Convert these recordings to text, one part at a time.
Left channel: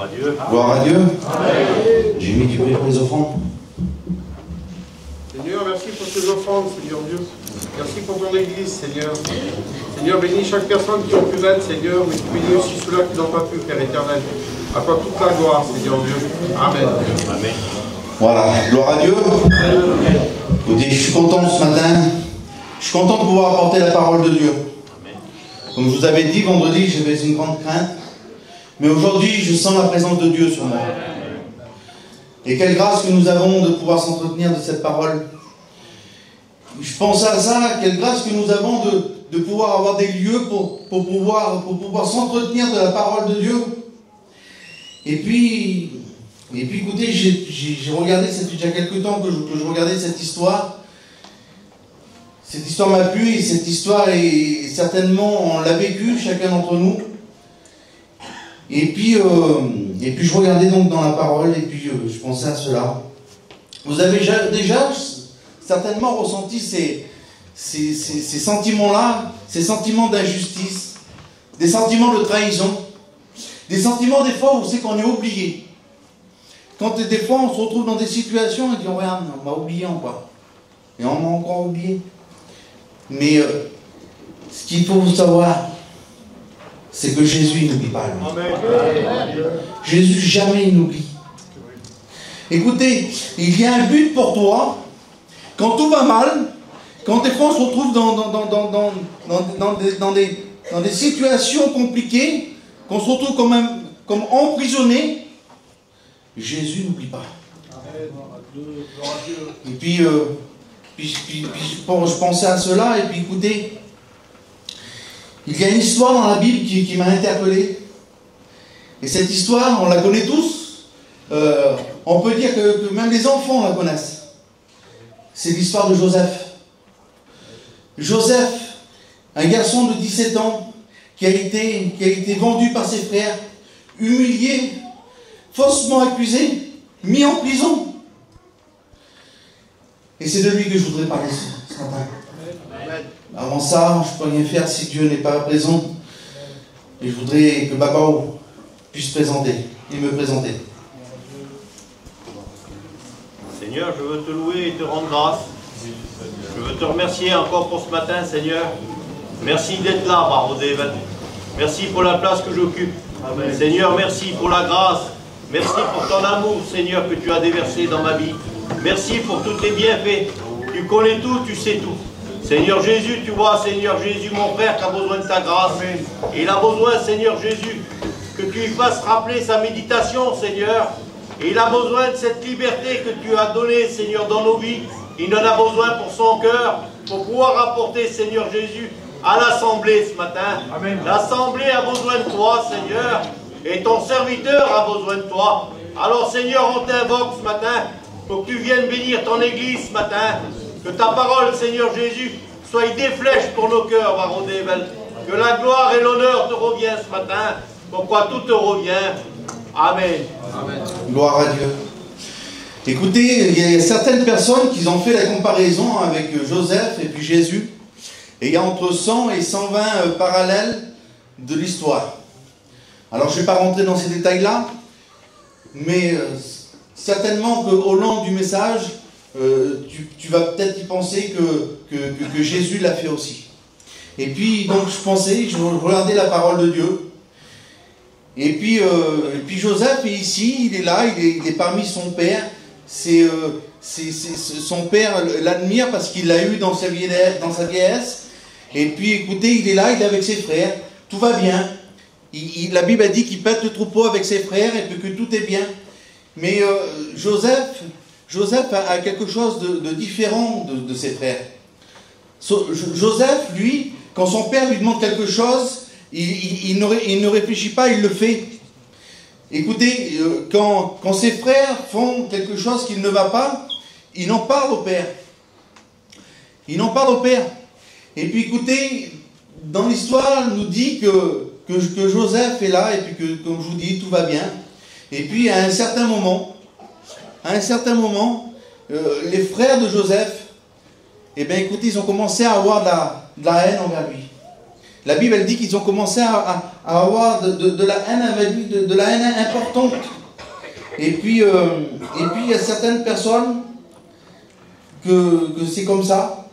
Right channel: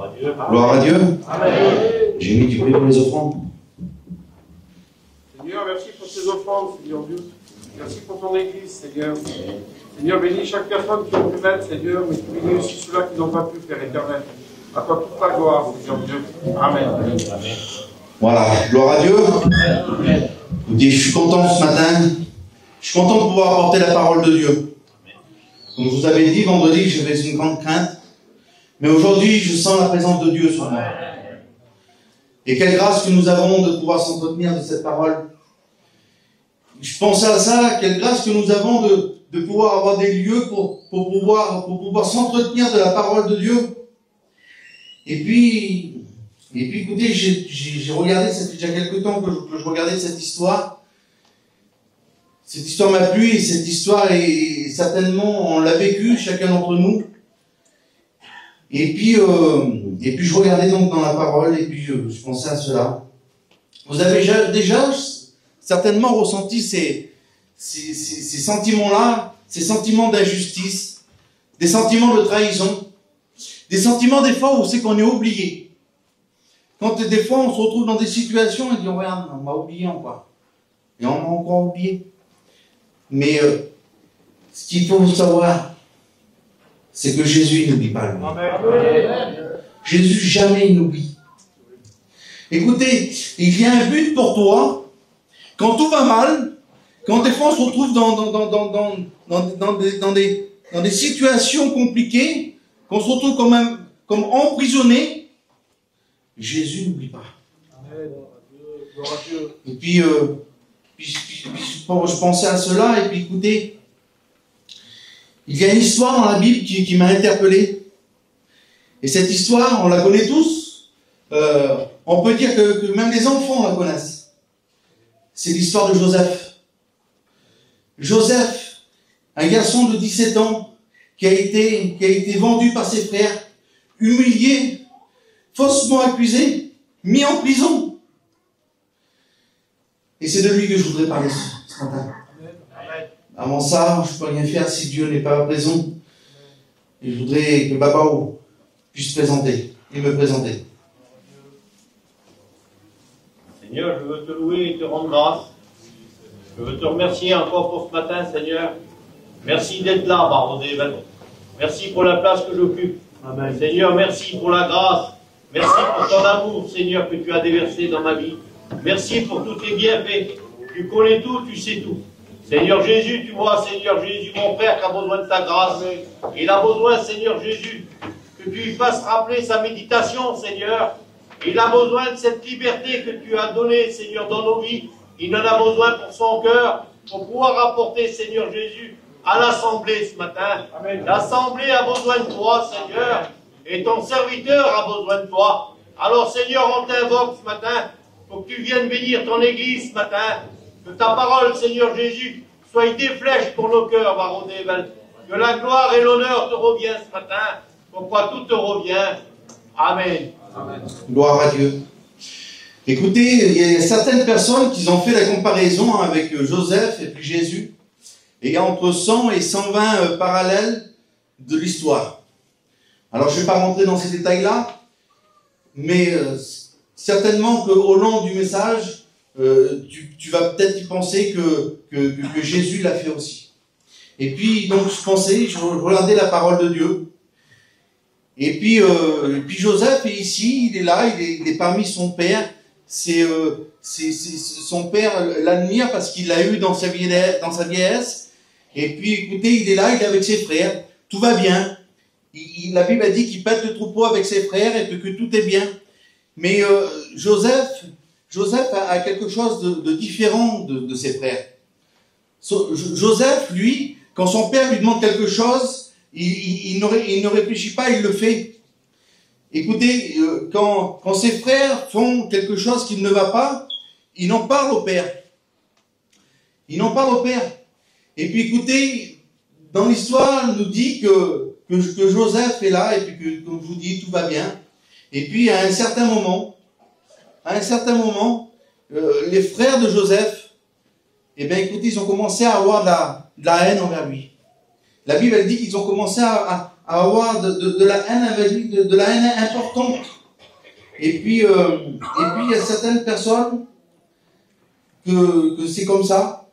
Gloire à Dieu. Gloire à Dieu. J'ai une équipée pour les offrandes. Seigneur, merci pour ces offrandes, Seigneur Dieu. Merci pour ton Église, Seigneur. Seigneur, bénis chaque personne qui a pu l'être, Seigneur, mais bénis aussi ceux-là qui n'ont pas pu, Père éternel. À toi toute la gloire, Seigneur Dieu. Amen. Amen. Voilà, gloire à Dieu. Écoutez, je suis content ce matin. Je suis content de pouvoir apporter la parole de Dieu. Comme je vous avais dit, vendredi, j'avais une grande crainte. Mais aujourd'hui, je sens la présence de Dieu sur moi. Et quelle grâce que nous avons de pouvoir s'entretenir de cette parole. Je pensais à ça, quelle grâce que nous avons de pouvoir avoir des lieux pour pouvoir s'entretenir de la parole de Dieu. Et puis écoutez, j'ai regardé, ça fait déjà quelques temps que je regardais cette histoire. Cette histoire m'a plu et cette histoire est certainement, on l'a vécue, chacun d'entre nous. Et puis je regardais donc dans la parole et puis je pensais à cela. Vous avez déjà certainement ressenti ces sentiments-là, ces sentiments d'injustice, des sentiments de trahison, des sentiments des fois où c'est qu'on est oublié. Quand des fois on se retrouve dans des situations et on dit regarde, on m'a oublié encore. Et on m'a encore oublié. Mais ce qu'il faut savoir, c'est que Jésus n'oublie pas. Jésus jamais n'oublie. Écoutez, il y a un but pour toi. Quand tout va mal, quand des fois on se retrouve dans des situations compliquées, qu'on se retrouve comme emprisonné, Jésus n'oublie pas. Et puis, je pensais à cela, et puis écoutez, il y a une histoire dans la Bible qui m'a interpellé. Et cette histoire, on la connaît tous. On peut dire que même les enfants la connaissent. C'est l'histoire de Joseph. Joseph, un garçon de 17 ans, qui a été vendu par ses frères, humilié, faussement accusé, mis en prison. Et c'est de lui que je voudrais parler ce matin. Avant ça, je ne peux rien faire si Dieu n'est pas présent. Et je voudrais que Babao puisse me présenter. Seigneur, je veux te louer et te rendre grâce. Je veux te remercier encore pour ce matin, Seigneur. Merci d'être là, Barodével. Merci pour la place que j'occupe. Seigneur, merci pour la grâce. Merci pour ton amour, Seigneur, que tu as déversé dans ma vie. Merci pour tous tes bienfaits. Tu connais tout, tu sais tout. Seigneur Jésus, tu vois, Seigneur Jésus, mon Père, qui a besoin de ta grâce. Et il a besoin, Seigneur Jésus, que tu lui fasses rappeler sa méditation, Seigneur. Et il a besoin de cette liberté que tu as donnée, Seigneur, dans nos vies. Il en a besoin pour son cœur, pour pouvoir apporter, Seigneur Jésus, à l'Assemblée ce matin. L'Assemblée a besoin de toi, Seigneur. Et ton serviteur a besoin de toi. Alors, Seigneur, on t'invoque ce matin pour que tu viennes bénir ton Église ce matin. Que ta parole, Seigneur Jésus, soit des flèches pour nos cœurs, Barodével. Que la gloire et l'honneur te reviennent ce matin. Pourquoi tout te revient. Amen. Amen. Gloire à Dieu. Écoutez, il y a certaines personnes qui ont fait la comparaison avec Joseph et puis Jésus. Et il y a entre 100 et 120 parallèles de l'histoire. Alors je ne vais pas rentrer dans ces détails-là, mais certainement qu'au long du message, tu vas peut-être y penser que Jésus l'a fait aussi. Et puis, donc, je regardais la parole de Dieu. Et puis Joseph est ici, il est là, il est parmi son père. Son père l'admire parce qu'il l'a eu dans sa vieillesse. Et puis, écoutez, il est là, il est avec ses frères. Tout va bien. La Bible a dit qu'il pète le troupeau avec ses frères et que tout est bien. Mais Joseph a quelque chose de différent de ses frères. Joseph, lui, quand son père lui demande quelque chose, il ne réfléchit pas, il le fait. Écoutez, quand ses frères font quelque chose qui ne va pas, il en parle au père. Il en parle au père. Et puis écoutez, dans l'histoire, elle nous dit que Joseph est là, et puis que, comme je vous dis, tout va bien. Et puis à un certain moment, les frères de Joseph, eh bien écoutez, ils ont commencé à avoir de la haine envers lui. La Bible, elle dit qu'ils ont commencé à avoir de la haine avec lui, de la haine importante. Et puis, il y a certaines personnes que c'est comme ça.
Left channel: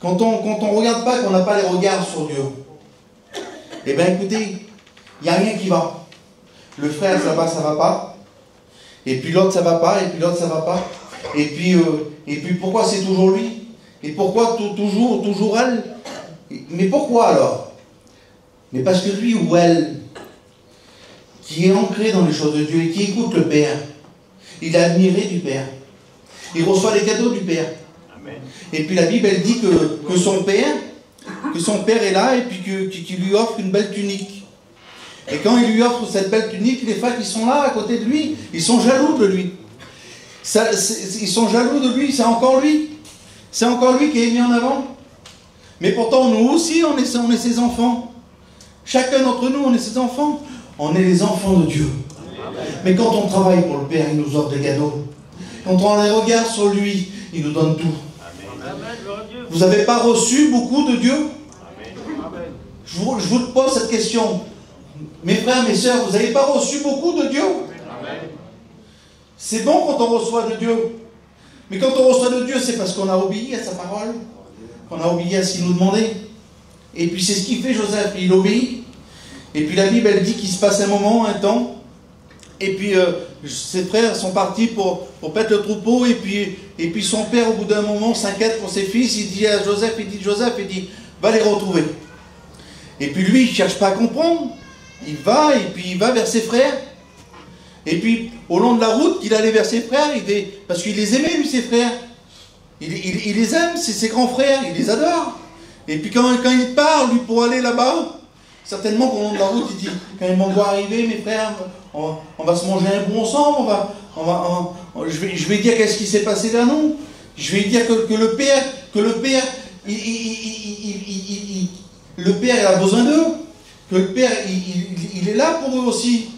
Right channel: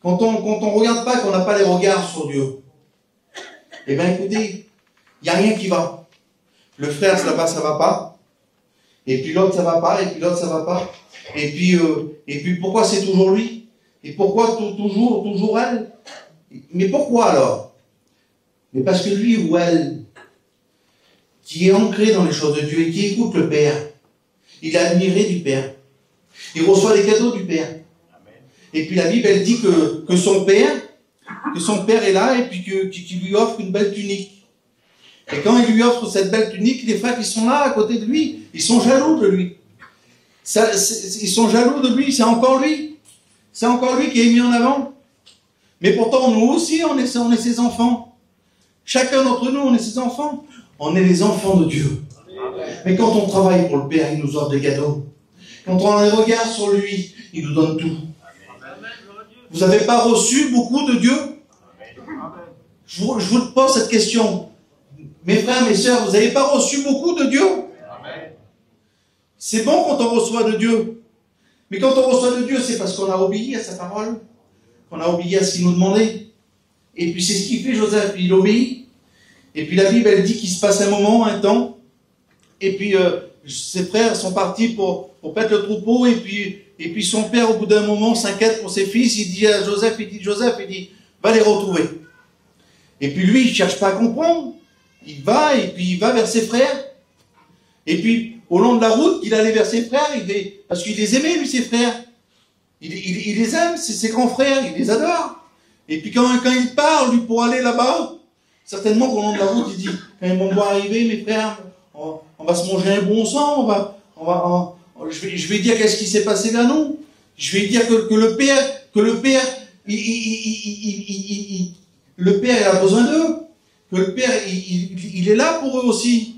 Quand on regarde pas, qu'on n'a pas les regards sur Dieu, eh bien écoutez, il n'y a rien qui va. Le frère, ça va pas. Et puis l'autre, ça va pas. Et puis l'autre, ça va pas. Et puis pourquoi c'est toujours lui? Et pourquoi toujours elle? Mais pourquoi alors? Mais parce que lui ou elle, qui est ancré dans les choses de Dieu et qui écoute le Père, il est admiré du Père. Il reçoit les cadeaux du Père. Amen. Et puis la Bible, elle dit que son Père est là et puis qu'il lui offre une belle tunique. Et quand il lui offre cette belle tunique, les frères qui sont là à côté de lui, ils sont jaloux de lui. Ils sont jaloux de lui, c'est encore lui. C'est encore lui qui est mis en avant. Mais pourtant, nous aussi, on est ses enfants. Chacun d'entre nous, on est ses enfants. On est les enfants de Dieu. Mais quand on travaille pour le Père, il nous offre des cadeaux. Quand on a des regards sur lui, il nous donne tout. Vous n'avez pas reçu beaucoup de Dieu? Je vous pose cette question. Mes frères, mes sœurs, vous n'avez pas reçu beaucoup de Dieu? C'est bon quand on reçoit de Dieu. Mais quand on reçoit de Dieu, c'est parce qu'on a obéi à sa parole. Qu'on a obéi à ce qu'il nous demandait. Et puis c'est ce qu'il fait Joseph, il obéit. Et puis la Bible, elle dit qu'il se passe un moment, un temps. Et puis ses frères sont partis pour paître le troupeau. Et puis son père, au bout d'un moment, s'inquiète pour ses fils. Il dit à Joseph, va les retrouver. Et puis lui, il ne cherche pas à comprendre. Il va, et puis il va vers ses frères. Et puis, au long de la route, il allait vers ses frères, parce qu'il les aimait, lui, ses frères. Il les aime, c'est ses grands frères, il les adore. Et puis quand il part, lui, pour aller là-bas, certainement qu'au long de la route, il dit, quand ils vont me voir arriver, mes frères, on va se manger un bout ensemble, je vais dire qu'est-ce qui s'est passé vers nous. Je vais dire que le Père, le Père a besoin d'eux, que le Père, il est là pour eux aussi,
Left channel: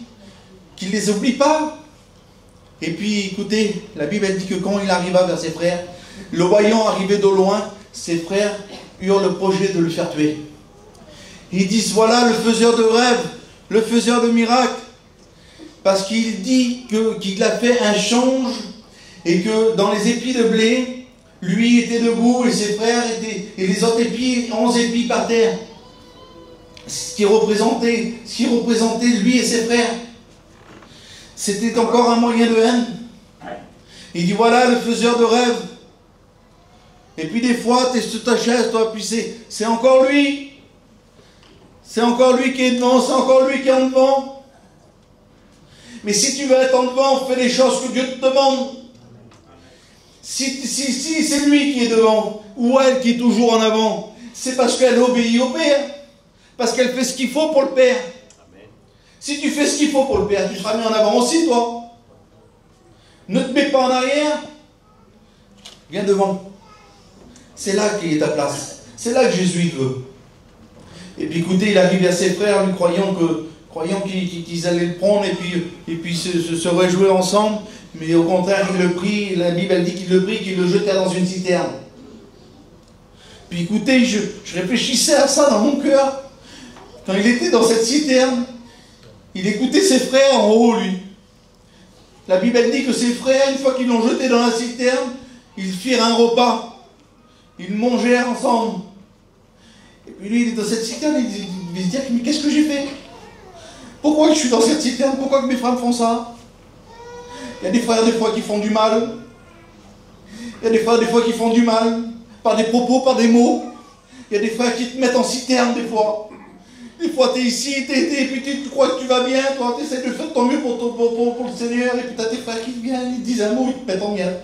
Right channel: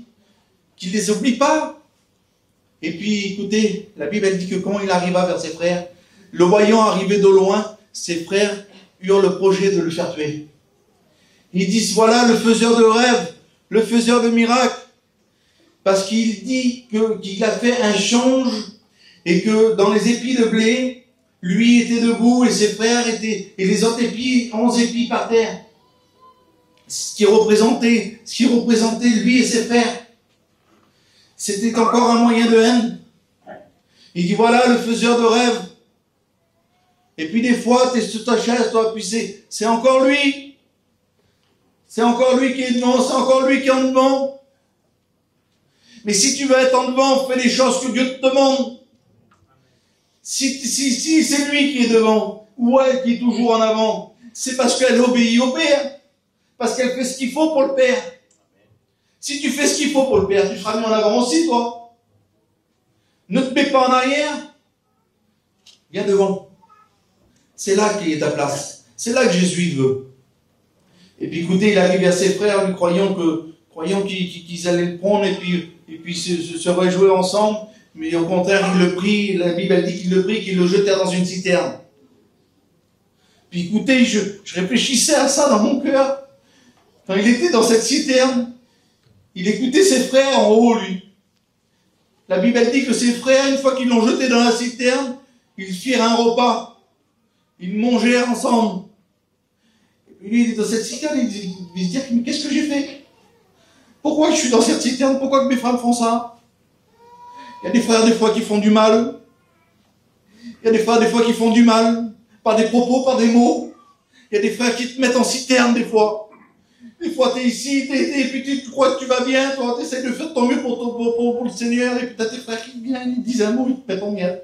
qu'il ne les oublie pas. Et puis, écoutez, la Bible elle dit que quand il arriva vers ses frères, le voyant arriver de loin, ses frères eurent le projet de le faire tuer. Ils disent, voilà le faiseur de rêves, le faiseur de miracles, parce qu'il dit qu'il a fait un change, et que dans les épis de blé, lui était debout, et ses frères étaient, et les autres épis, 11 épis par terre. Ce qui représentait lui et ses frères. C'était encore un moyen de haine. Il dit, voilà le faiseur de rêves. Et puis des fois, tu es sur ta chaise, toi, puis c'est encore lui. C'est encore lui qui est devant, c'est encore lui qui est en devant. Mais si tu veux être en devant, fais les choses que Dieu te demande. Si c'est lui qui est devant, ou elle qui est toujours en avant, c'est parce qu'elle obéit au Père. Parce qu'elle fait ce qu'il faut pour le Père. Si tu fais ce qu'il faut pour le Père, tu seras mis en avant aussi, toi. Ne te mets pas en arrière. Viens devant. C'est là qu'il est ta place. C'est là que Jésus te veut. Et puis écoutez, il arrive à ses frères, lui croyant qu'ils allaient le prendre et puis se réjouir ensemble. Mais au contraire, il le prit. La Bible elle dit qu'il le prit, qu'il le jetait dans une citerne. Puis écoutez, je réfléchissais à ça dans mon cœur. Quand il était dans cette citerne, il écoutait ses frères en haut, lui. La Bible dit que ses frères, une fois qu'ils l'ont jeté dans la citerne, ils firent un repas. Ils mangèrent ensemble. Et puis lui, il est dans cette citerne, il se dit, mais qu'est-ce que j'ai fait? Pourquoi je suis dans cette citerne? Pourquoi que mes frères font ça? Il y a des frères, des fois, qui font du mal. Il y a des frères, des fois, qui font du mal. Par des propos, par des mots. Il y a des frères qui te mettent en citerne, des fois. Des fois, tu es ici, et puis tu crois que tu vas bien, tu essaies de faire ton mieux pour le Seigneur, et puis tu as tes frères qui viennent, ils te disent un mot, ils te mettent en merde.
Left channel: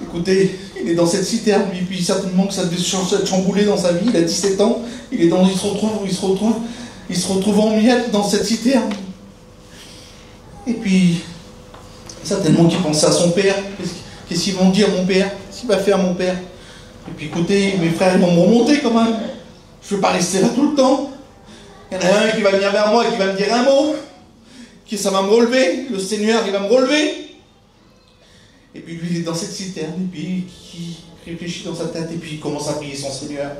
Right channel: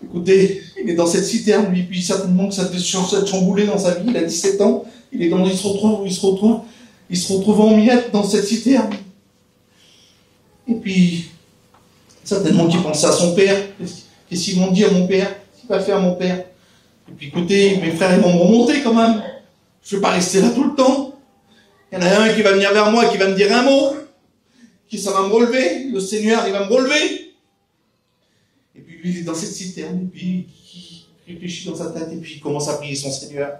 Écoutez, il est dans cette citerne, lui, puis certainement que ça devait se chambouler dans sa vie, il a 17 ans, il se retrouve en miettes dans cette citerne. Et puis, certainement qu'il pensait à son père, qu'est-ce qu'ils vont dire mon père, qu'est-ce qu'il va faire mon père. Et puis écoutez, mes frères, ils vont me remonter quand même. Je ne veux pas rester là tout le temps. Il y en a un qui va venir vers moi, qui va me dire un mot, ça va me relever. Le Seigneur, il va me relever. Et puis lui, il est dans cette citerne, et puis il réfléchit dans sa tête, et puis il commence à prier son Seigneur.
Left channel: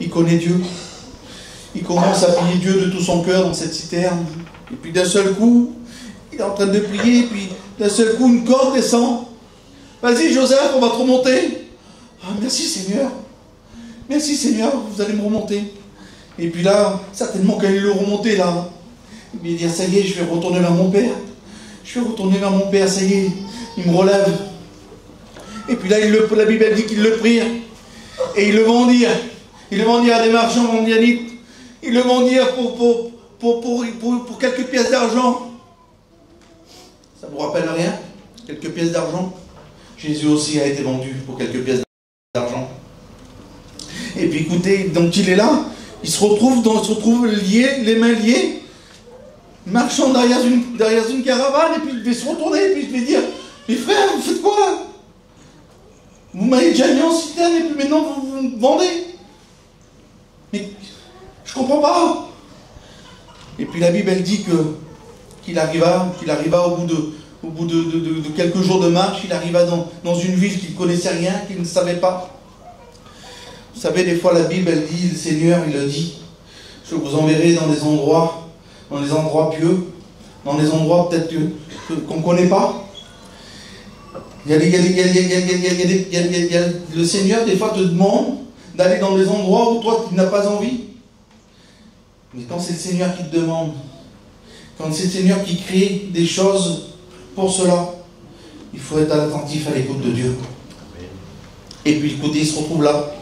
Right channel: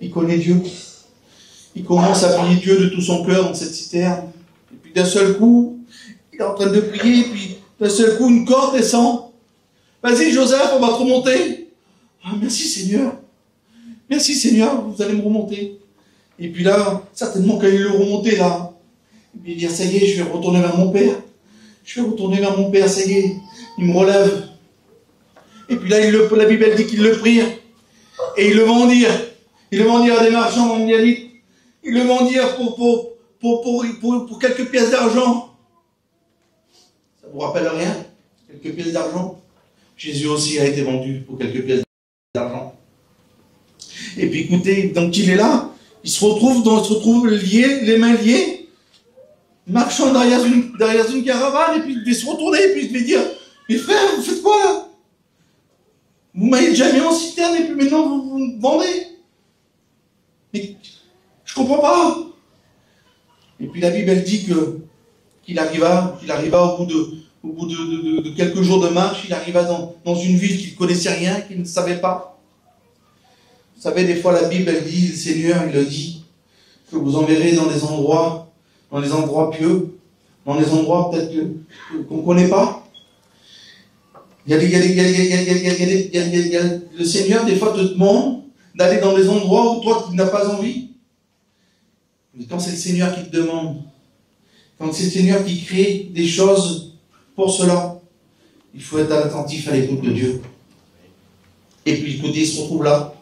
il connaît Dieu. Il commence à prier Dieu de tout son cœur dans cette citerne. Et puis d'un seul coup, il est en train de prier, et puis d'un seul coup, une corde descend. Vas-y Joseph, on va te remonter. Ah, merci Seigneur. Merci Seigneur, vous allez me remonter. Et puis là, certainement quand il le remontait là, il dit, ça y est, je vais retourner vers mon père. Je vais retourner vers mon père, ça y est, il me relève. Et puis là, la Bible dit qu'ils le prirent. Et ils le vendirent. Ils le vendirent à des marchands mondialites. Ils le vendirent pour quelques pièces d'argent. Ça ne vous rappelle rien? Quelques pièces d'argent? Jésus aussi a été vendu pour quelques pièces d'argent. Et puis écoutez, donc il est là, il se retrouve lié, les mains liées, marchant derrière une caravane, et puis il devait se retourner, et puis il devait dire, les frères, vous faites quoi là? Vous m'avez déjà mis en citerne, et puis maintenant vous me vendez? Mais je ne comprends pas. Et puis la Bible elle dit qu'il arriva au bout de quelques jours de marche, il arriva dans une ville qu'il ne connaissait rien, qu'il ne savait pas. Vous savez, des fois la Bible elle dit, le Seigneur il le dit, je vous enverrai dans des endroits pieux, dans des endroits peut-être qu'on ne connaît pas. Le Seigneur des fois te demande d'aller dans des endroits où toi tu n'as pas envie. Mais quand c'est le Seigneur qui te demande, quand c'est le Seigneur qui crée des choses pour cela, il faut être attentif à l'écoute de Dieu. Et puis écoutez, il se retrouve là.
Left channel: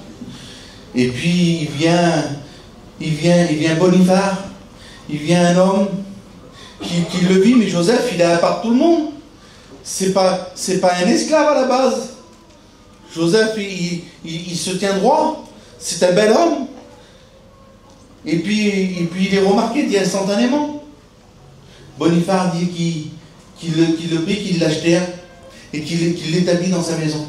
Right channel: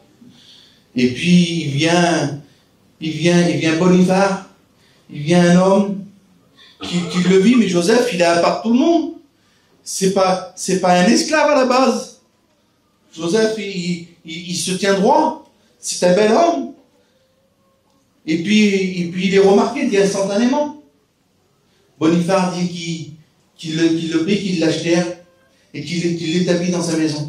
Et puis il vient Boniface, il vient un homme qui le vit, mais Joseph, il est à part de tout le monde. C'est pas un esclave à la base. Joseph, il se tient droit. C'est un bel homme. Et puis il est remarqué instantanément. Boniface dit qu'il le prit, qu'il l'achète et qu'il l'établit dans sa maison.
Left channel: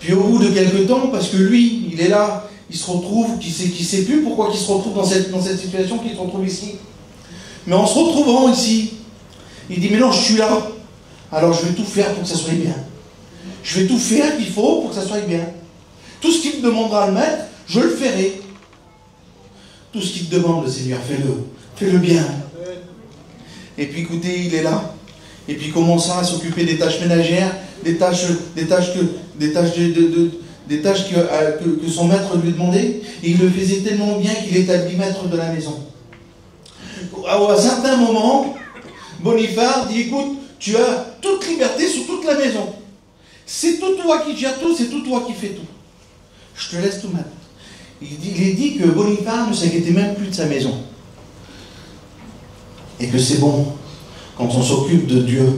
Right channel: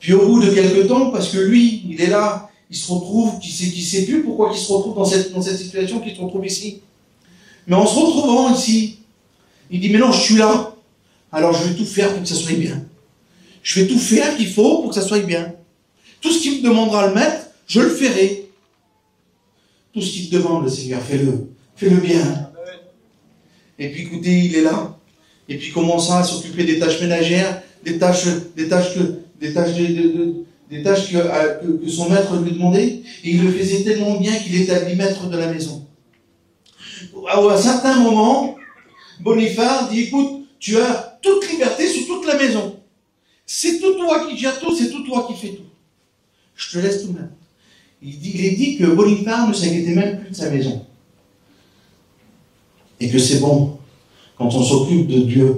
Puis au bout de quelques temps, parce que lui, il est là, il se retrouve, qu'il sait plus pourquoi il se retrouve dans cette situation, qu'il se retrouve ici. Mais en se retrouvant ici, il dit, mais non, je suis là. Alors je vais tout faire pour que ça soit bien. Je vais tout faire qu'il faut pour que ça soit bien. Tout ce qu'il me demandera à le mettre, je le ferai. Tout ce qu'il te demande, le Seigneur, fais-le. Fais-le bien. Et puis écoutez, il est là. Et puis il commence à s'occuper des tâches ménagères, des tâches que son maître lui demandait. Et il le faisait tellement bien qu'il est établi maître de la maison. À un certain moment, Boniface dit, écoute, tu as toute liberté sur toute la maison. C'est tout toi qui gères tout, c'est tout toi qui fais tout. Je te laisse tout mettre. Il est dit que Boniface ne s'inquiétait même plus de sa maison. Et que c'est bon quand on s'occupe de Dieu,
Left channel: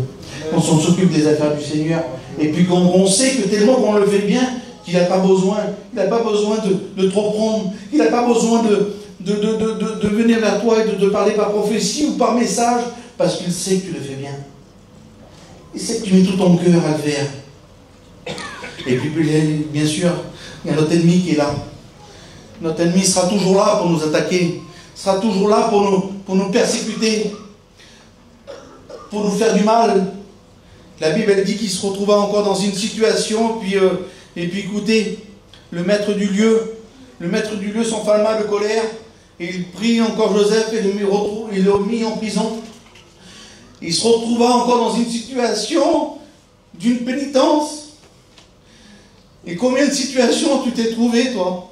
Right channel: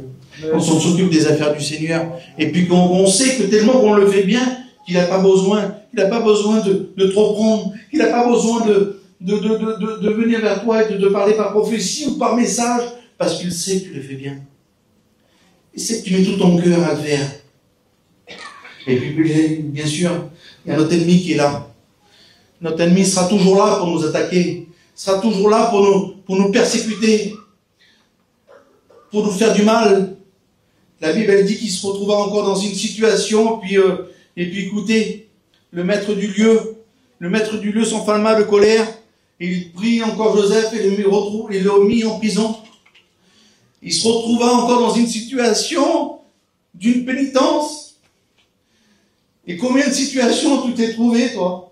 quand on s'occupe des affaires du Seigneur, et puis qu'on sait que tellement qu'on le fait bien, qu'il n'a pas besoin de trop prendre, qu'il n'a pas besoin de venir vers toi et de parler par prophétie ou par message, parce qu'il sait que tu le fais bien. Il sait que tu mets tout ton cœur à le faire. Et puis, bien sûr, il y a notre ennemi qui est là. Notre ennemi sera toujours là pour nous attaquer, sera toujours là pour nous persécuter, pour nous faire du mal. La Bible, elle dit qu'il se retrouva encore dans une situation, et puis écoutez, le maître du lieu s'enflamma de colère, et il prit encore Joseph et le mit en prison. Il se retrouva encore dans une situation d'une pénitence. Et combien de situations tu t'es trouvé, toi,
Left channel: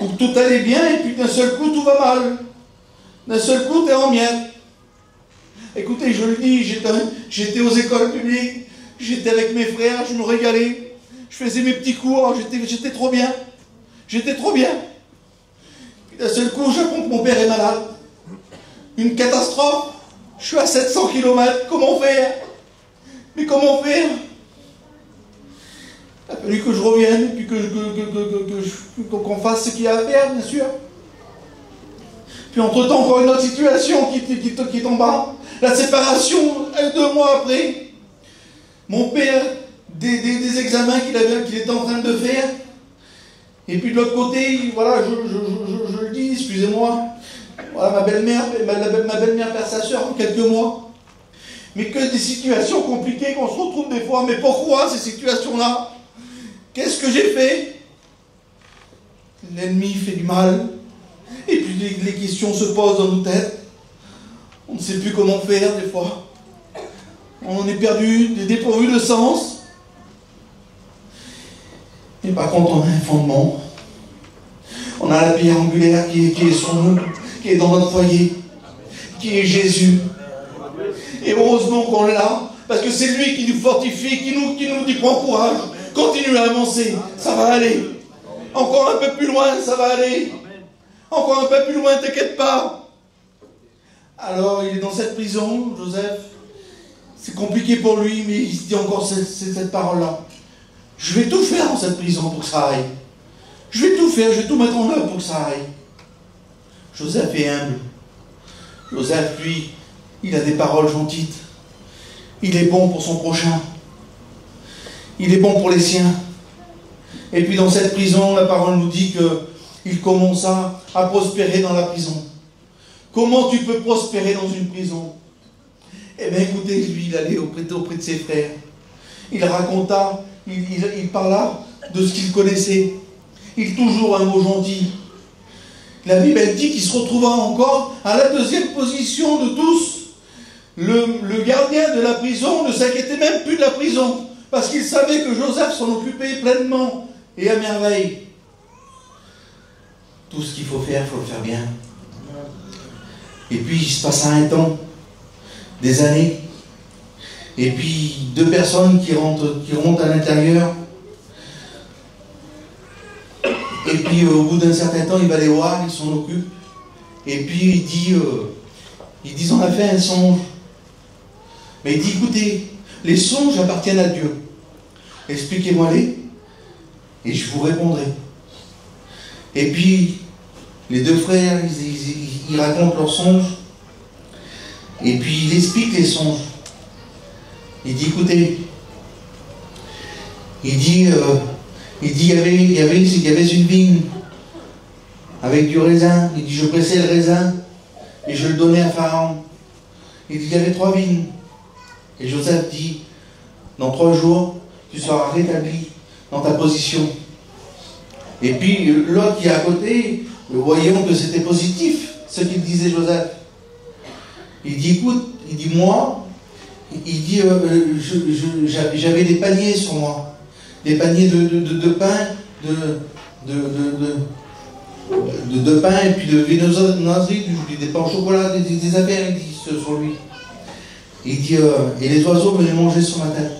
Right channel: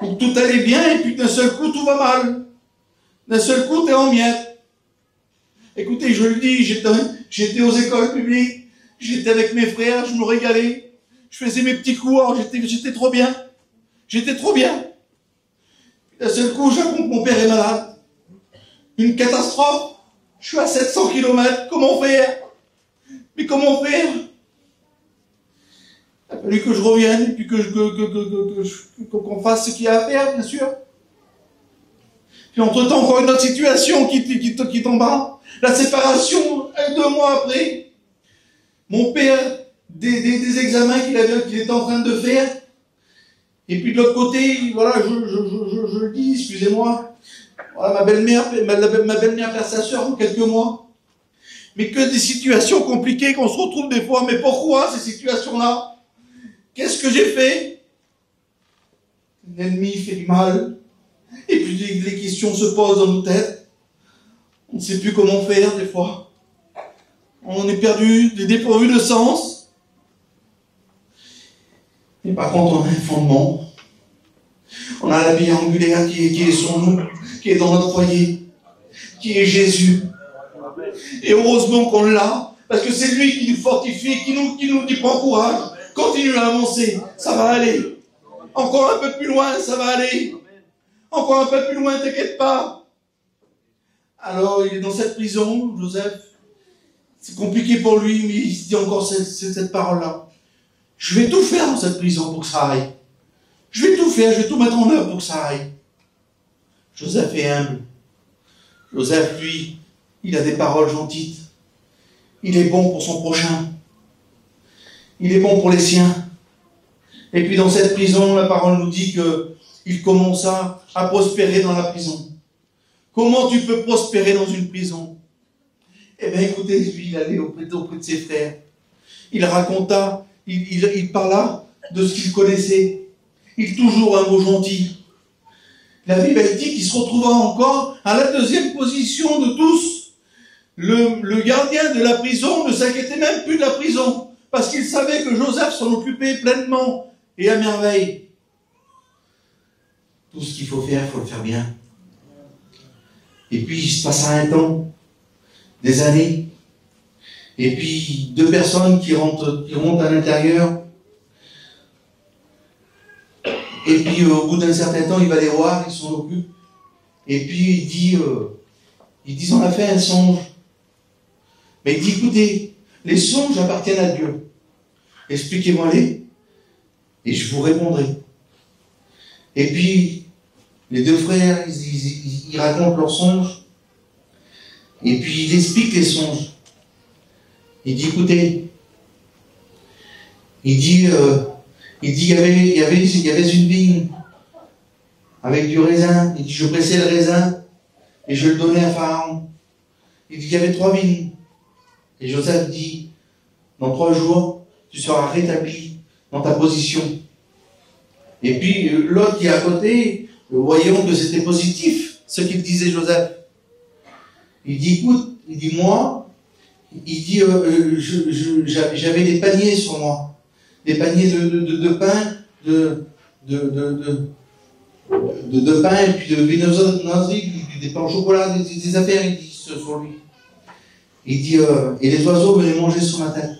où tout allait bien, et puis d'un seul coup, tout va mal. D'un seul coup, tu es en miettes. Écoutez, je le dis, j'étais aux écoles publiques, j'étais avec mes frères, je me régalais, je faisais mes petits cours, j'étais trop bien. J'étais trop bien. Puis d'un seul coup, j'apprends que mon père est malade. Une catastrophe. Je suis à 700 km, comment faire? Mais comment faire? Il a fallu que je revienne, et puis qu'on fasse ce qu'il y a à faire, bien sûr. Puis entre-temps, encore une autre situation qui tombe bas. La séparation, 2 mois après. Mon père, des examens qu'il était en train de faire. Et puis de l'autre côté, voilà, je le dis, excusez-moi. Voilà, ma belle-mère perd sa soeur en quelques mois. Mais que des situations compliquées qu'on se retrouve des fois. Mais pourquoi ces situations-là? Qu'est-ce que j'ai fait? l'ennemi fait du mal, et puis les questions se posent dans nos têtes. On ne sait plus comment faire des fois. On est perdu, dépourvu de sens. Et par contre, on a un fondement. On a la pierre angulaire qui est sur nous, qui est dans notre foyer, qui est Jésus. Et heureusement qu'on l'a, parce que c'est lui qui nous fortifie, qui nous dit prends courage, continue à avancer, ça va aller. Encore un peu plus loin, ça va aller. Encore un peu plus loin, t'inquiète pas. Alors, il est dans cette prison, Joseph. C'est compliqué pour lui, mais il se dit encore cette parole-là. Je vais tout faire dans cette prison pour que ça aille. Je vais tout faire, je vais tout mettre en œuvre pour que ça aille. Joseph est humble. Joseph, lui, il a des paroles gentilles. Il est bon pour son prochain. Il est bon pour les siens. Et puis dans cette prison, la parole nous dit qu'il commença à prospérer dans la prison. Comment tu peux prospérer dans une prison? Eh bien écoutez, lui, il allait auprès de ses frères. Il raconta, il parla de ce qu'il connaissait. Il toujours un mot gentil. La Bible, elle dit qu'il se retrouva encore à la deuxième position de tous. Le gardien de la prison ne s'inquiétait même plus de la prison, parce qu'il savait que Joseph s'en occupait pleinement et à merveille. Tout ce qu'il faut faire, il faut le faire bien. Et puis il se passa un temps, des années, et puis deux personnes qui rentrent à l'intérieur. Et puis au bout d'un certain temps, il va les voir, il s'en occupe. Et puis ils disent on a fait un songe. Mais il dit écoutez, les songes appartiennent à Dieu. Expliquez-moi-les et je vous répondrai. Et puis les deux frères, ils racontent leurs songes. Et puis il explique les songes. Il dit écoutez, il dit il y avait une vigne avec du raisin. Il dit je pressais le raisin et je le donnais à Pharaon. Il dit il y avait 3 vignes. Et Joseph dit dans 3 jours tu seras rétabli dans ta position. Et puis l'autre qui est à côté, voyons que c'était positif ce qu'il disait Joseph. Il dit écoute, il dit moi, il dit j'avais des paniers sur moi. Des paniers de pain, de pain et puis de viennoiserie, des pains au chocolat, des affaires, il dit sur lui. Il dit, et les oiseaux venaient manger sur ma tête.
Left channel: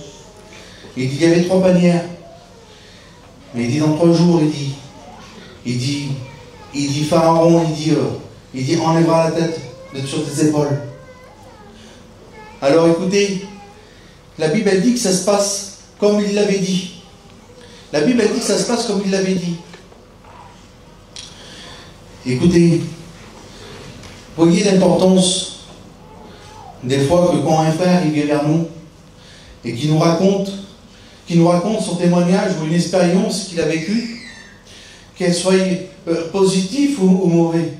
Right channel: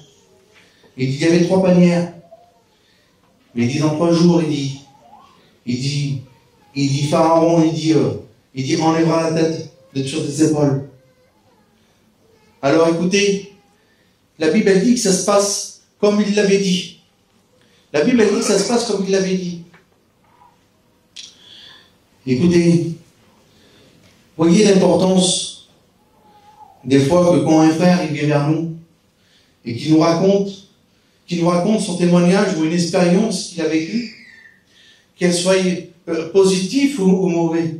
Il dit, il y avait 3 panières. Mais il dit, dans 3 jours, il dit Pharaon, il dit, enlèvera la tête sur tes épaules. Alors écoutez, la Bible elle dit que ça se passe comme il l'avait dit. La Bible elle dit que ça se passe comme il l'avait dit. Écoutez, voyez l'importance des fois que quand un frère il vient vers nous et qui nous raconte son témoignage ou une expérience qu'il a vécue, qu'elle soit positive ou mauvaise,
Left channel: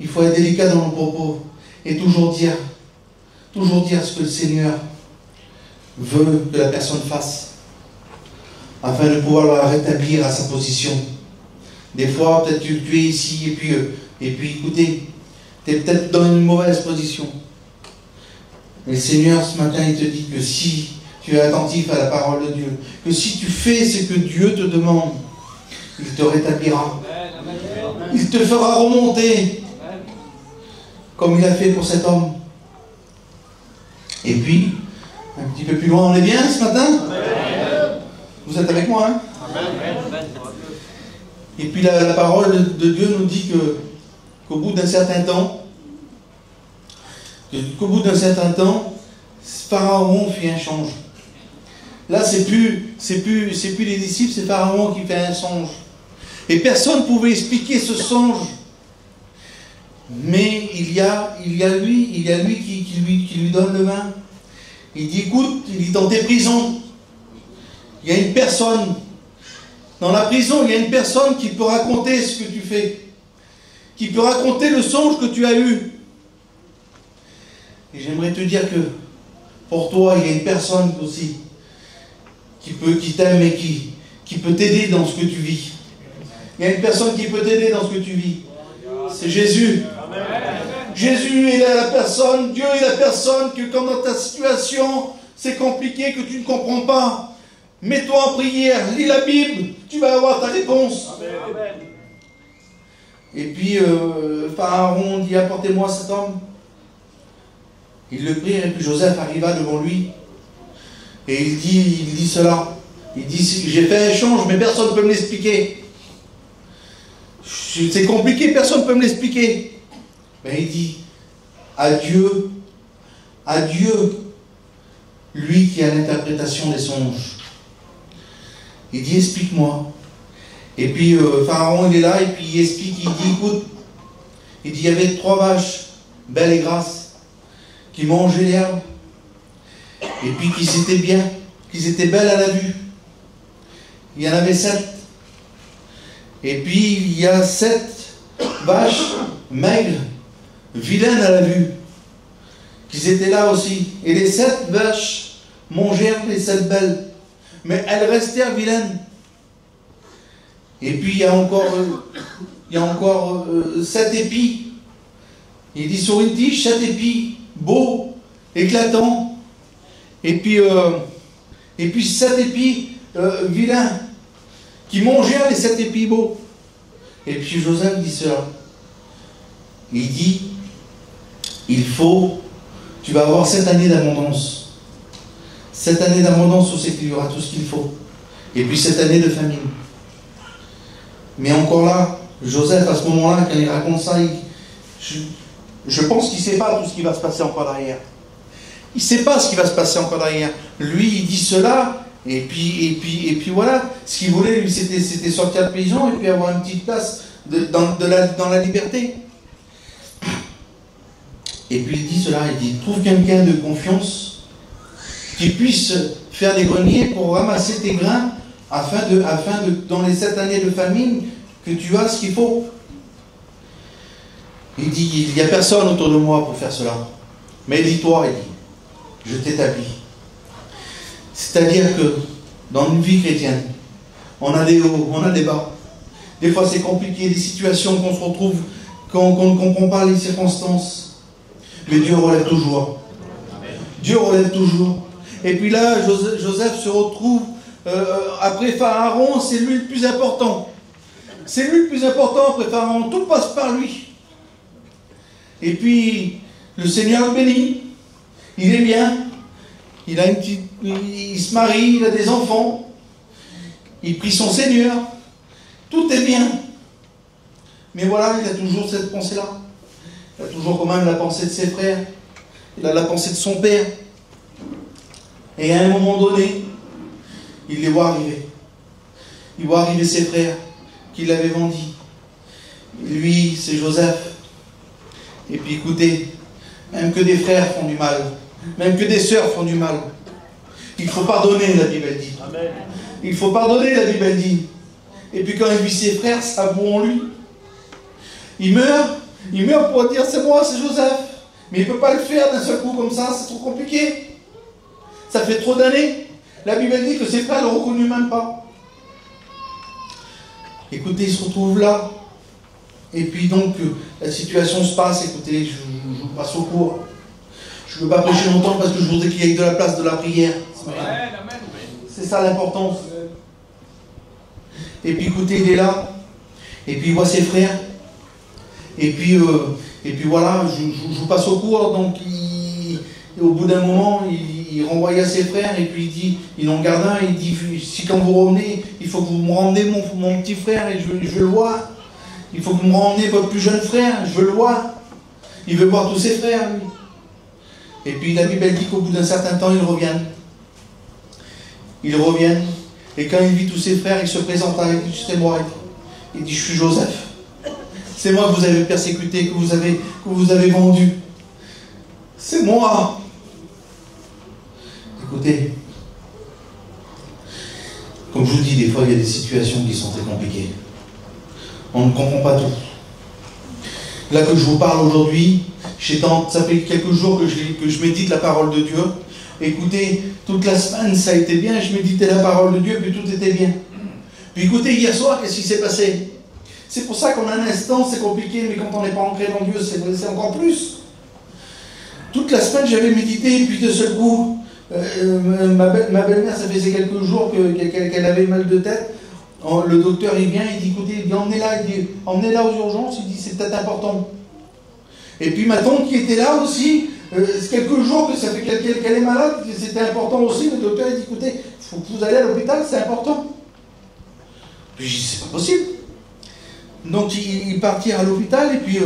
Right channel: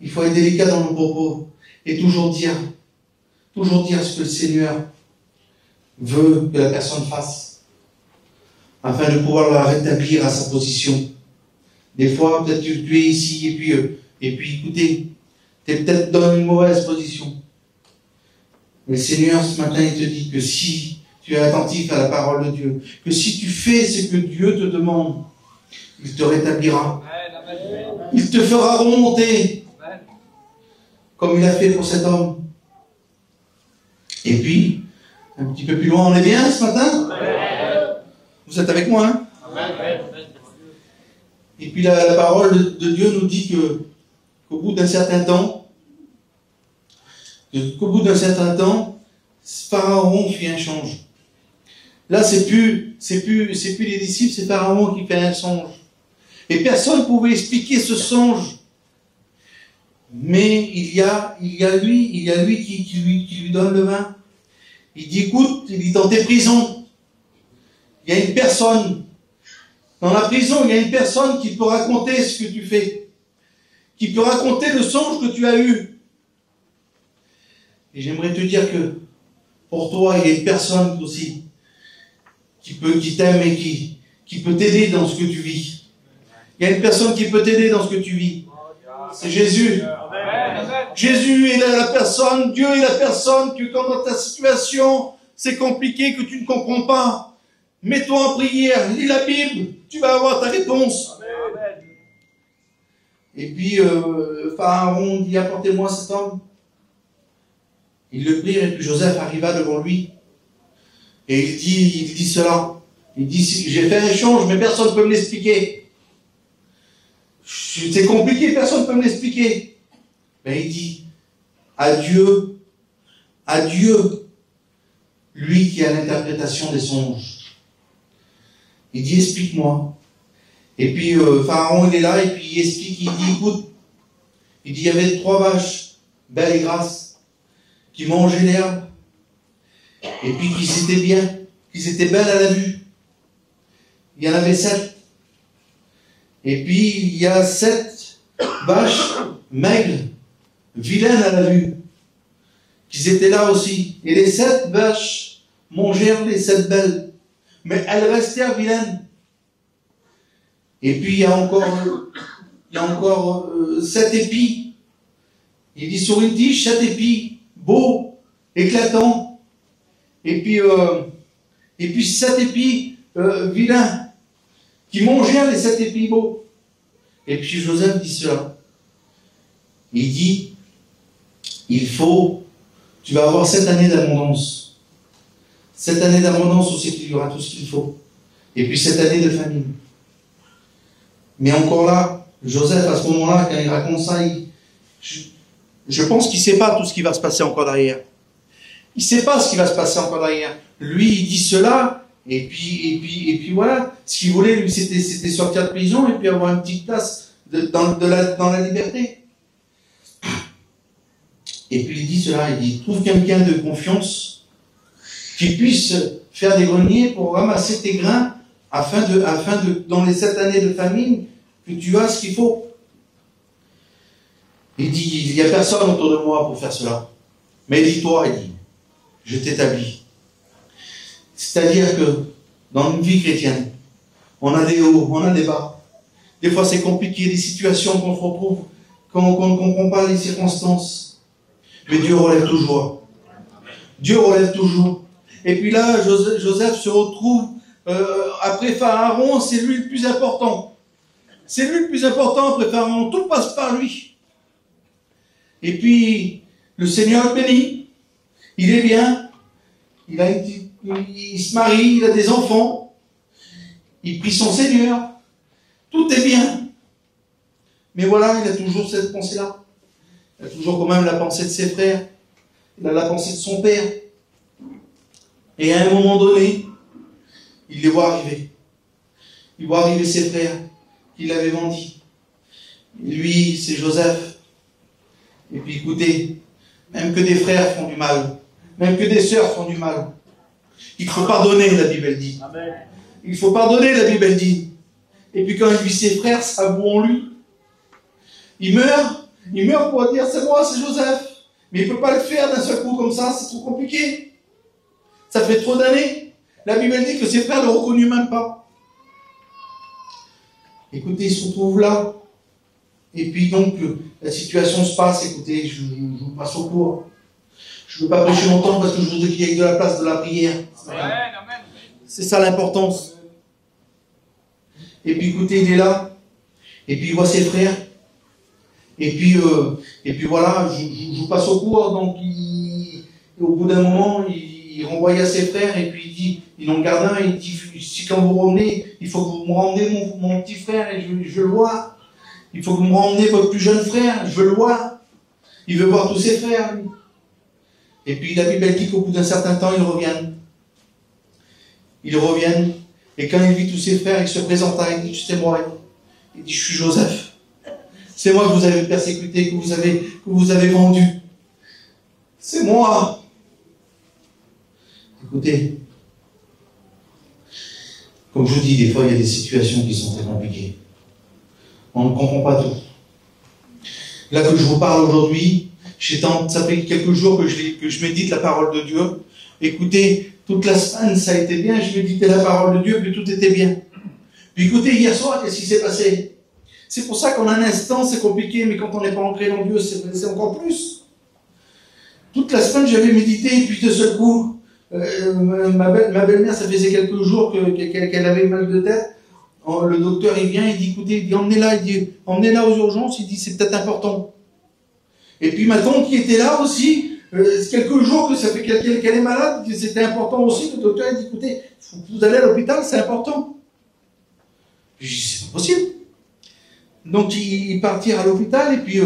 il faut être délicat dans nos propos et toujours dire ce que le Seigneur veut que la personne fasse, afin de pouvoir la rétablir à sa position. Des fois, peut-être tu es ici, et puis écoutez, tu es peut-être dans une mauvaise position. Mais le Seigneur, ce matin, il te dit que si tu es attentif à la parole de Dieu, que si tu fais ce que Dieu te demande, il te rétablira. Il te fera remonter, comme il a fait pour cet homme. Et puis, un petit peu plus loin, on est bien ce matin? Vous êtes avec moi, hein? Et puis la parole de Dieu nous dit qu'au bout d'un certain temps, Pharaon fit un songe. Là, c'est plus les disciples, c'est Pharaon qui fait un songe. Et personne ne pouvait expliquer ce songe. Mais il y a lui qui lui donne le vin. Il dit, écoute, il dit, dans tes prisons, il y a une personne. Dans la prison, il y a une personne qui peut raconter ce que tu fais. Qui peut raconter le songe que tu as eu. Et j'aimerais te dire que pour toi, il y a une personne aussi qui t'aime et qui peut t'aider dans ce que tu vis. Il y a une personne qui peut t'aider dans ce que tu vis. C'est Jésus. Jésus est la personne, Dieu est la personne que quand dans ta situation, c'est compliqué, que tu ne comprends pas, mets-toi en prière, lis la Bible, tu vas avoir ta réponse. Amen. Et puis, Pharaon dit, apportez-moi cet homme. Il le prit, et puis Joseph arriva devant lui. Et il dit cela. Il dit, j'ai fait un échange, mais personne ne peut me l'expliquer. C'est compliqué, personne ne peut me l'expliquer. Mais il dit, à Dieu, lui qui a l'interprétation des songes. Il dit, explique-moi. Et puis Pharaon, il est là, et puis il explique, il dit, écoute, il dit, il y avait 3 vaches, belles et grasses, qui mangeaient l'herbe, et puis qu'ils étaient belles à la vue. Il y en avait 7. Et puis il y a 7 vaches maigres, vilaines à la vue, qui étaient là aussi. Et les 7 vaches mangèrent les 7 belles, mais elles restèrent vilaines. Et puis il y a encore 7 épis. Il dit sur une tige 7 épis, beaux, éclatants. Et puis 7 épis vilains, qui mangeaient les 7 épis beaux. Et puis Joseph dit cela. Il dit, tu vas avoir 7 années d'abondance. 7 années d'abondance où c'est qu'il y aura tout ce qu'il faut. Et puis 7 années de famine. Mais encore là, Joseph, à ce moment-là, quand il raconte ça, je pense qu'il ne sait pas tout ce qui va se passer encore derrière. Il ne sait pas ce qui va se passer encore derrière. Lui, il dit cela, et puis voilà. Ce qu'il voulait, lui, c'était sortir de prison et puis avoir une petite place dans la liberté. Et puis il dit cela, il dit, trouve quelqu'un de confiance qui puisse faire des greniers pour ramasser tes grains afin de, dans les 7 années de famine, que tu as ce qu'il faut. Il dit, il n'y a personne autour de moi pour faire cela. Mais dis-toi, il dit, je t'établis. C'est-à-dire que dans une vie chrétienne, on a des hauts, on a des bas. Des fois c'est compliqué, des situations qu'on se retrouve, qu'on ne comprend pas les circonstances. Mais Dieu relève toujours. Dieu relève toujours. Et puis là, Joseph se retrouve, après Pharaon, c'est lui le plus important. C'est lui le plus important après Pharaon. Tout passe par lui. Et puis, le Seigneur le bénit. Il est bien. Il se marie, il a des enfants. Il prie son Seigneur. Tout est bien. Mais voilà, il a toujours cette pensée-là. Il a toujours quand même la pensée de ses frères. Il a la pensée de son père. Et à un moment donné, il les voit arriver. Il voit arriver ses frères qui l'avaient vendu. Lui, c'est Joseph. Et puis écoutez, même que des frères font du mal, même que des sœurs font du mal, il faut pardonner, la Bible dit. Amen. Il faut pardonner, la Bible dit. Et puis quand il vit ses frères s'avouent en lui, il meurt pour dire c'est moi, c'est Joseph. Mais il ne peut pas le faire d'un seul coup comme ça, c'est trop compliqué. Ça fait trop d'années. La Bible dit que ses frères ne le reconnurent même pas. Écoutez, il se retrouve là. Et puis donc, la situation se passe. Écoutez, je vous passe au cours. Je ne veux pas prêcher longtemps parce que je voudrais qu'il y ait de la place de la prière. C'est ça l'importance. Et puis écoutez, il est là. Et puis il voit ses frères. Et puis voilà, je vous passe au cours. Donc, au bout d'un moment, il renvoie à ses frères et puis il dit, il en garde un, il dit, si quand vous revenez, il faut que vous me rendez mon petit frère et je veux le voir. Il faut que vous me rendez votre plus jeune frère, je veux le voir. Il veut voir tous ses frères, lui. Et puis la Bible dit qu'au bout d'un certain temps, ils reviennent. Ils reviennent. Et quand il vit tous ses frères, il se présente à lui, il dit, c'est moi. Il dit, je suis Joseph. C'est moi que vous avez persécuté, que vous avez vendu. C'est moi. Écoutez, comme je vous dis, des fois, il y a des situations qui sont très compliquées. On ne comprend pas tout. Là que je vous parle aujourd'hui, ça fait quelques jours que je médite la parole de Dieu. Écoutez, toute la semaine, ça a été bien, je méditais la parole de Dieu, puis tout était bien. Puis écoutez, hier soir, qu'est-ce qui s'est passé? C'est pour ça qu'en un instant, c'est compliqué, mais quand on n'est pas ancré dans Dieu, c'est encore plus. Toute la semaine, j'avais médité, et puis de seul coup, ma belle-mère, ça faisait quelques jours qu'elle avait mal de tête. Le docteur, il vient, il dit, écoutez, emmenez-la aux urgences, il dit, c'est peut-être important. Et puis ma tante qui était là aussi, quelques jours que ça fait qu'elle est malade, que c'était important aussi, le docteur a dit, écoutez, vous allez à l'hôpital, c'est important. Puis je dis, c'est pas possible. Donc ils partirent à l'hôpital, et puis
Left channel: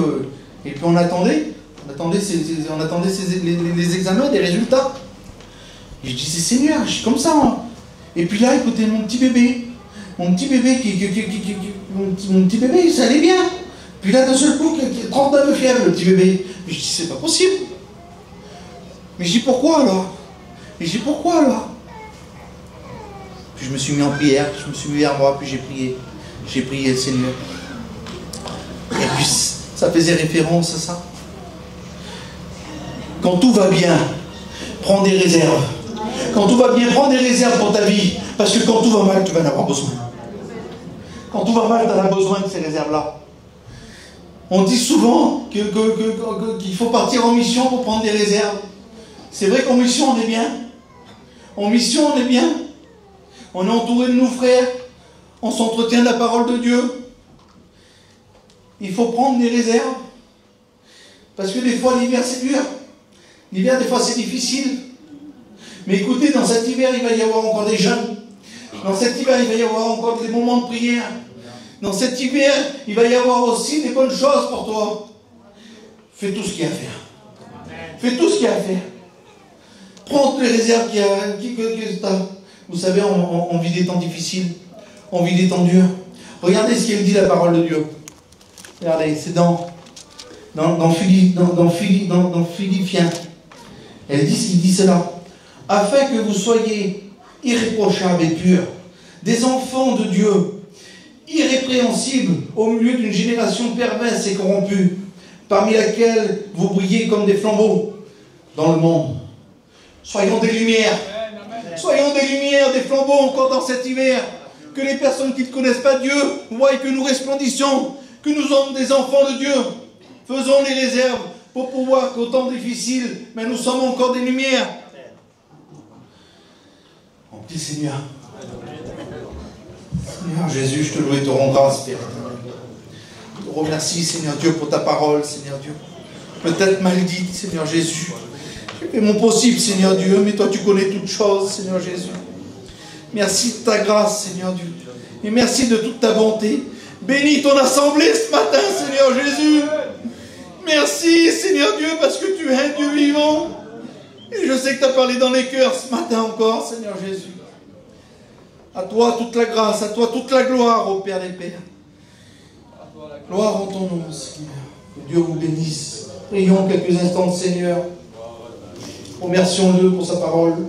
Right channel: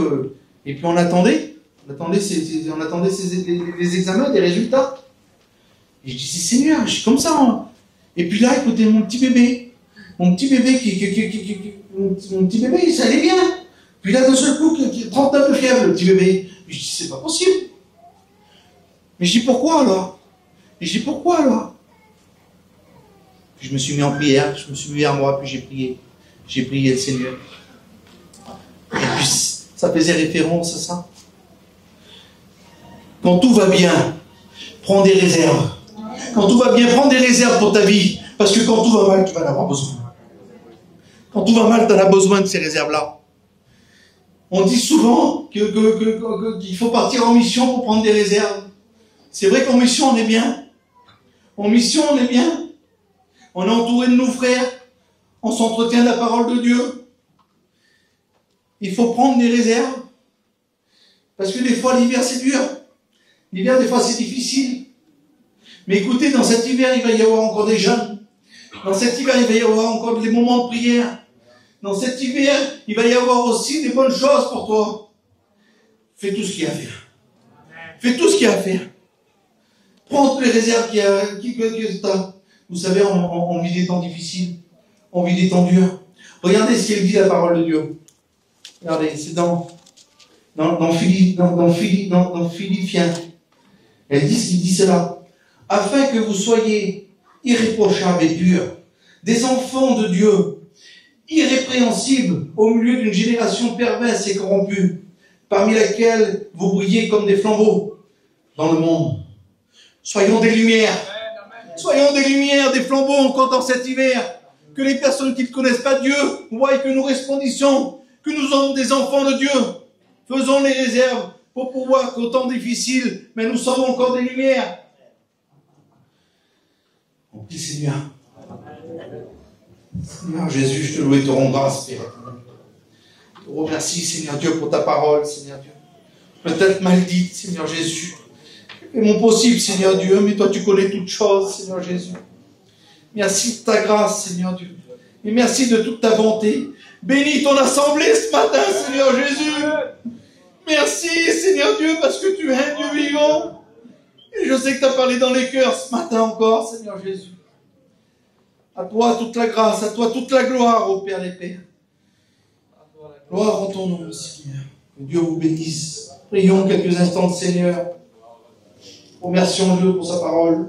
on attendait les examens, des résultats. Et je disais, Seigneur, je suis comme ça. Hein. Et puis là, écoutez, mon petit bébé, ça allait bien. Puis là, d'un seul coup, 39 de fièvre, le petit bébé. Mais je dis, c'est pas possible. Mais je dis, pourquoi alors? Et je dis, pourquoi alors? Puis je me suis mis en prière, je me suis mis vers moi, puis j'ai prié. J'ai prié le Seigneur. Et puis, ça faisait référence à ça. Quand tout va bien, prends des réserves. Quand tout va bien, prends des réserves pour ta vie. Parce que quand tout va mal, tu vas en avoir besoin. Quand tout va mal, tu en as besoin de ces réserves-là. On dit souvent qu'il faut partir en mission pour prendre des réserves. C'est vrai qu'en mission, on est bien. En mission, on est bien. On est entouré de nos frères. On s'entretient de la parole de Dieu. Il faut prendre des réserves. Parce que des fois, l'hiver, c'est dur. L'hiver, des fois, c'est difficile. Mais écoutez, dans cet hiver, il va y avoir encore des jeûnes. Dans cet hiver, il va y avoir encore des moments de prière. Dans cet hiver, il va y avoir aussi des bonnes choses pour toi. Fais tout ce qu'il y a à faire. Fais tout ce qu'il y a à faire. Prends toutes les réserves que tu as. Vous savez, on vit des temps difficiles. On vit des temps durs. Regardez ce qu'elle dit, la parole de Dieu. Regardez, c'est dans Philippiens. Elle dit cela. Afin que vous soyez irréprochables et purs, des enfants de Dieu, irrépréhensibles au milieu d'une génération perverse et corrompue, parmi laquelle vous brillez comme des flambeaux dans le monde. Soyons des lumières. Soyons des lumières, des flambeaux encore dans cet hiver. Que les personnes qui ne connaissent pas Dieu voient que nous resplendissons, que nous sommes des enfants de Dieu. Faisons les réserves pour pouvoir, qu'au temps difficile, mais nous sommes encore des lumières. Mon petit Seigneur. Seigneur Jésus, je te loue et te rends grâce, Père. Je te remercie, Seigneur Dieu, pour ta parole, Seigneur Dieu. Peut-être mal dite, Seigneur Jésus. J'ai fait mon possible, Seigneur Dieu, mais toi tu connais toutes choses, Seigneur Jésus. Merci de ta grâce, Seigneur Dieu. Et merci de toute ta bonté. Bénis ton assemblée ce matin, Seigneur Jésus. Merci, Seigneur Dieu, parce que tu es un Dieu vivant. Et je sais que tu as parlé dans les cœurs ce matin encore, Seigneur Jésus. À toi toute la grâce, à toi toute la gloire, ô Père des Pères. Gloire en ton nom, Seigneur. Que Dieu vous bénisse. Prions quelques instants, Seigneur. Remercions-le pour sa parole.